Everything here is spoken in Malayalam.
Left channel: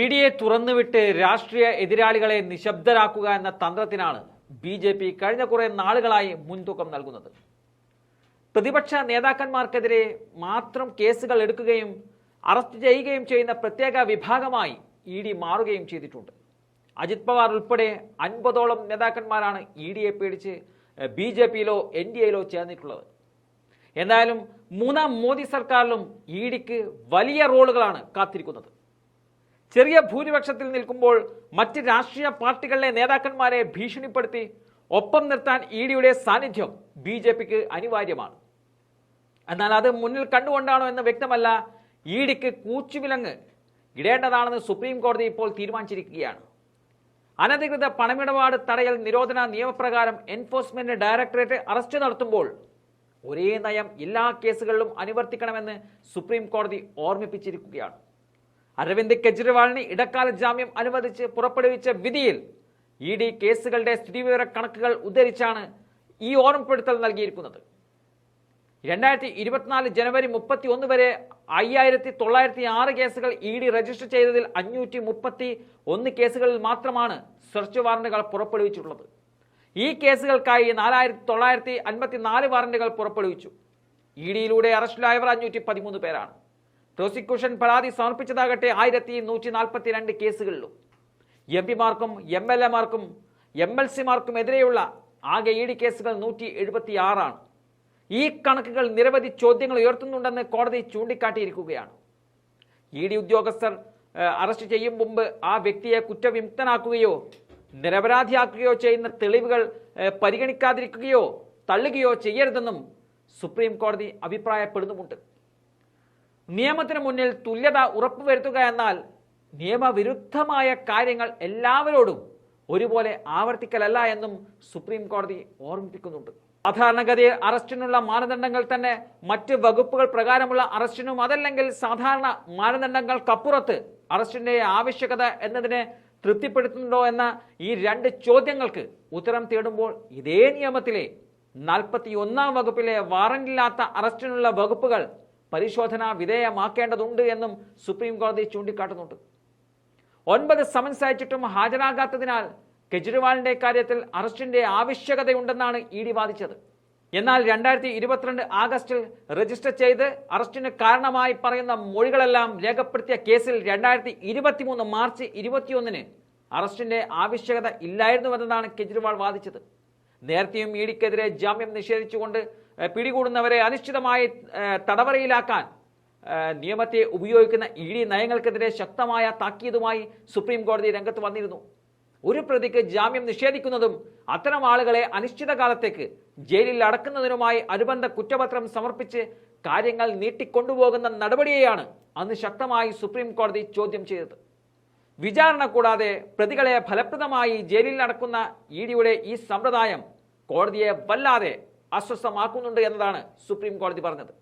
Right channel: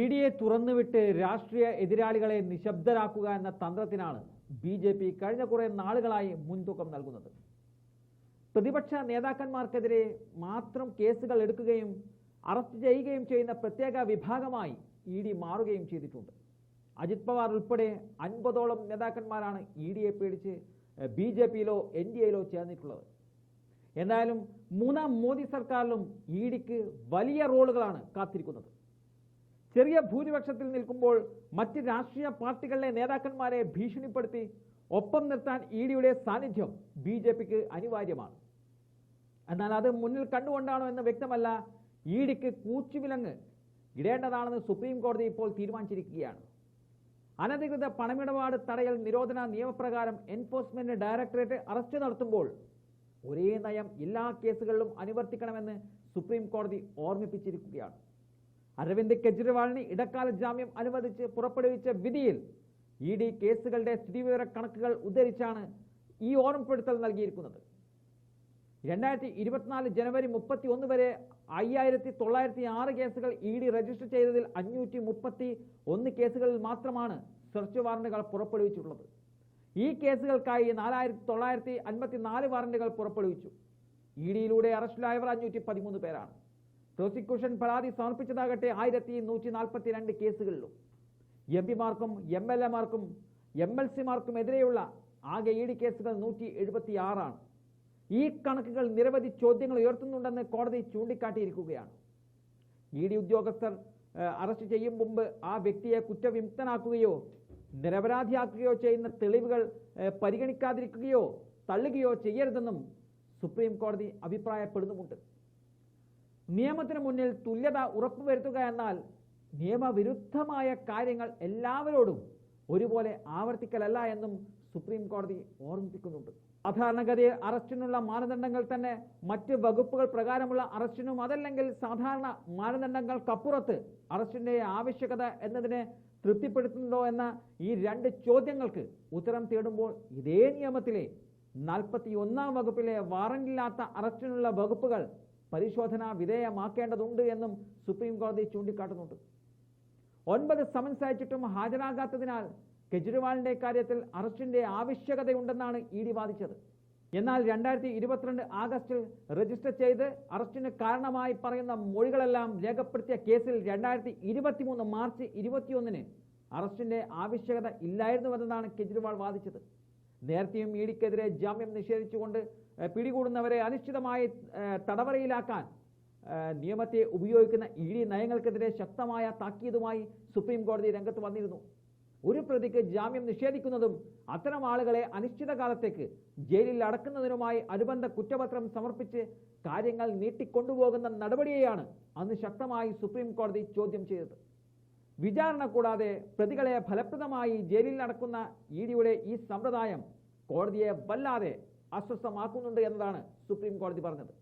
ഇ ഡിയെ തുറന്നുവിട്ട് രാഷ്ട്രീയ എതിരാളികളെ നിശബ്ദരാക്കുക എന്ന തന്ത്രത്തിനാണ് ബി ജെ പി കഴിഞ്ഞ കുറേ നാളുകളായി മുൻതൂക്കം നൽകുന്നത്. പ്രതിപക്ഷ നേതാക്കന്മാർക്കെതിരെ മാത്രം കേസുകൾ എടുക്കുകയും അറസ്റ്റ് ചെയ്യുകയും ചെയ്യുന്ന പ്രത്യേക വിഭാഗമായി ഇ ഡി മാറുകയും ചെയ്തിട്ടുണ്ട്. അജിത് പവാർ ഉൾപ്പെടെ അൻപതോളം നേതാക്കന്മാരാണ് ഇ ഡിയെ പേടിച്ച് ബി ജെ പിയിലോ എൻ ഡി എയിലോ ചേർന്നിട്ടുള്ളത്. എന്തായാലും മൂന്നാം മോദി സർക്കാരിലും ഇ ഡിക്ക് വലിയ റോളുകളാണ് കാത്തിരിക്കുന്നത്. ചെറിയ ഭൂരിപക്ഷത്തിൽ നിൽക്കുമ്പോൾ മറ്റ് രാഷ്ട്രീയ പാർട്ടികളിലെ നേതാക്കന്മാരെ ഭീഷണിപ്പെടുത്തി ഒപ്പം നിർത്താൻ ഇ ഡിയുടെ സാന്നിധ്യം ബി ജെ പിക്ക് അനിവാര്യമാണ്. എന്നാൽ അത് മുന്നിൽ കണ്ടുകൊണ്ടാണോ എന്ന് വ്യക്തമല്ല. ഇ ഡിക്ക് കൂച്ചുവിലങ്ങ് ഇടേണ്ടതാണെന്ന് സുപ്രീം കോടതി ഇപ്പോൾ തീരുമാനിച്ചിരിക്കുകയാണ്. അനധികൃത പണമിടപാട് തടയൽ നിരോധന നിയമപ്രകാരം എൻഫോഴ്സ്മെന്റ് ഡയറക്ടറേറ്റ് അറസ്റ്റ് നടത്തുമ്പോൾ ഒരേ നയം എല്ലാ കേസുകളിലും അനുവർത്തിക്കണമെന്ന് സുപ്രീം കോടതി ഓർമ്മിപ്പിച്ചിരിക്കുകയാണ്. അരവിന്ദ് കെജ്രിവാളിന് ഇടക്കാല ജാമ്യം അനുവദിച്ച് പുറപ്പെടുവിച്ച വിധിയിൽ ഇ ഡി കേസുകളുടെ സ്ഥിതിവിവര കണക്കുകൾ ഉദ്ധരിച്ചാണ് ഈ ഓർമ്മപ്പെടുത്തൽ നൽകിയിരിക്കുന്നത്. രണ്ടായിരത്തി ഇരുപത്തിനാല് ജനുവരി മുപ്പത്തി ഒന്ന് വരെ അയ്യായിരത്തി തൊള്ളായിരത്തി ആറ് കേസുകൾ ഇ ഡി രജിസ്റ്റർ ചെയ്തതിൽ അഞ്ഞൂറ്റി മുപ്പത്തി ഒന്ന് കേസുകളിൽ മാത്രമാണ് സെർച്ച് വാറണ്ടുകൾ പുറപ്പെടുവിച്ചിട്ടുള്ളത്. ഈ കേസുകൾക്കായി നാലായിരത്തി തൊള്ളായിരത്തി അൻപത്തി നാല് വാറണ്ടുകൾ പുറപ്പെടുവിച്ചു. ഇ ഡിയിലൂടെ അറസ്റ്റിലായവർ അഞ്ഞൂറ്റി പതിമൂന്ന് പേരാണ്. പ്രോസിക്യൂഷൻ പരാതി സമർപ്പിച്ചതാകട്ടെ ആയിരത്തി നൂറ്റി നാൽപ്പത്തി രണ്ട് കേസുകളിലും. എം പിമാർക്കും എം എൽ എമാർക്കും എം എൽ സിമാർക്കും എതിരെയുള്ള ആകെ ഇ ഡി കേസുകൾ നൂറ്റി എഴുപത്തി ആറാണ് ഈ കണക്കുകൾ നിരവധി ചോദ്യങ്ങൾ ഉയർത്തുന്നുണ്ടെന്ന് കോടതി ചൂണ്ടിക്കാട്ടിയിരിക്കുകയാണ്. ഇ ഡി ഉദ്യോഗസ്ഥർ അറസ്റ്റ് ചെയ്യും മുമ്പ് ആ വ്യക്തിയെ കുറ്റവിമുക്തനാക്കുകയോ നിരപരാധിയാക്കുകയോ ചെയ്യുന്ന തെളിവുകൾ പരിഗണിക്കാതിരിക്കുകയോ തള്ളുകയോ ചെയ്യരുതെന്നും സുപ്രീം കോടതി അഭിപ്രായപ്പെടുന്നുമുണ്ട്. നിയമത്തിന് മുന്നിൽ തുല്യത ഉറപ്പുവരുത്തുക എന്നാൽ നിയമവിരുദ്ധമായ കാര്യങ്ങൾ എല്ലാവരോടും ഒരുപോലെ ആവർത്തിക്കലല്ല എന്നും സുപ്രീം കോടതി ഓർമ്മിപ്പിക്കുന്നുണ്ട്. സാധാരണഗതിയിൽ അറസ്റ്റിനുള്ള മാനദണ്ഡങ്ങൾ തന്നെ മറ്റ് വകുപ്പുകൾ പ്രകാരമുള്ള അറസ്റ്റിനും അതല്ലെങ്കിൽ സാധാരണ മാനദണ്ഡങ്ങൾക്കപ്പുറത്ത് അറസ്റ്റിന്റെ ആവശ്യകത എന്നതിനെ തൃപ്തിപ്പെടുത്തുന്നുണ്ടോ എന്ന ഈ രണ്ട് ചോദ്യങ്ങൾക്ക് ഉത്തരം തേടുമ്പോൾ ഇതേ നിയമത്തിലെ നാൽപ്പത്തി ഒന്നാം വകുപ്പിലെ വാറണ്ടില്ലാത്ത അറസ്റ്റിനുള്ള വകുപ്പുകൾ പരിശോധന വിധേയമാക്കേണ്ടതുണ്ട് എന്നും സുപ്രീം കോടതി ചൂണ്ടിക്കാട്ടുന്നുണ്ട്. ഒൻപത് സമൻസ് അയച്ചിട്ടും ഹാജരാകാത്തതിനാൽ കെജ്രിവാളിന്റെ കാര്യത്തിൽ അറസ്റ്റിന്റെ ആവശ്യകതയുണ്ടെന്നാണ് ഇ ഡി വാദിച്ചത്. എന്നാൽ രണ്ടായിരത്തി ഇരുപത്തിരണ്ട് ആഗസ്റ്റിൽ രജിസ്റ്റർ ചെയ്ത് അറസ്റ്റിന് കാരണമായി പറയുന്ന മൊഴികളെല്ലാം രേഖപ്പെടുത്തിയ കേസിൽ രണ്ടായിരത്തി ഇരുപത്തിമൂന്ന് മാർച്ച് ഇരുപത്തിയൊന്നിന് അറസ്റ്റിന്റെ ആവശ്യകത ഇല്ലായിരുന്നുവെന്നതാണ് കെജ്രിവാൾ വാദിച്ചത്. നേരത്തെയും ഇ ഡിക്കെതിരെ ജാമ്യം നിഷേധിച്ചുകൊണ്ട് പിടികൂടുന്നവരെ അനിശ്ചിതമായി തടവറയിലാക്കാൻ നിയമത്തെ ഉപയോഗിക്കുന്ന ഇ ഡി നയങ്ങൾക്കെതിരെ ശക്തമായ താക്കീതുമായി സുപ്രീം കോടതി രംഗത്ത് വന്നിരുന്നു. ഒരു പ്രതിക്ക് ജാമ്യം നിഷേധിക്കുന്നതും അത്തരം ആളുകളെ അനിശ്ചിതകാലത്തേക്ക് ജയിലിൽ അടക്കുന്നതിനുമായി അനുബന്ധ കുറ്റപത്രം സമർപ്പിച്ച് കാര്യങ്ങൾ നീട്ടിക്കൊണ്ടുപോകുന്ന നടപടിയെയാണ് അന്ന് ശക്തമായി സുപ്രീം കോടതി ചോദ്യം ചെയ്തത്. വിചാരണ കൂടാതെ പ്രതികളെ ഫലപ്രദമായി ജയിലിൽ നടക്കുന്ന ഇ ഡിയുടെ ഈ സമ്പ്രദായം കോടതിയെ വല്ലാതെ അസ്വസ്ഥമാക്കുന്നുണ്ട് എന്നതാണ് സുപ്രീം കോടതി പറഞ്ഞത്.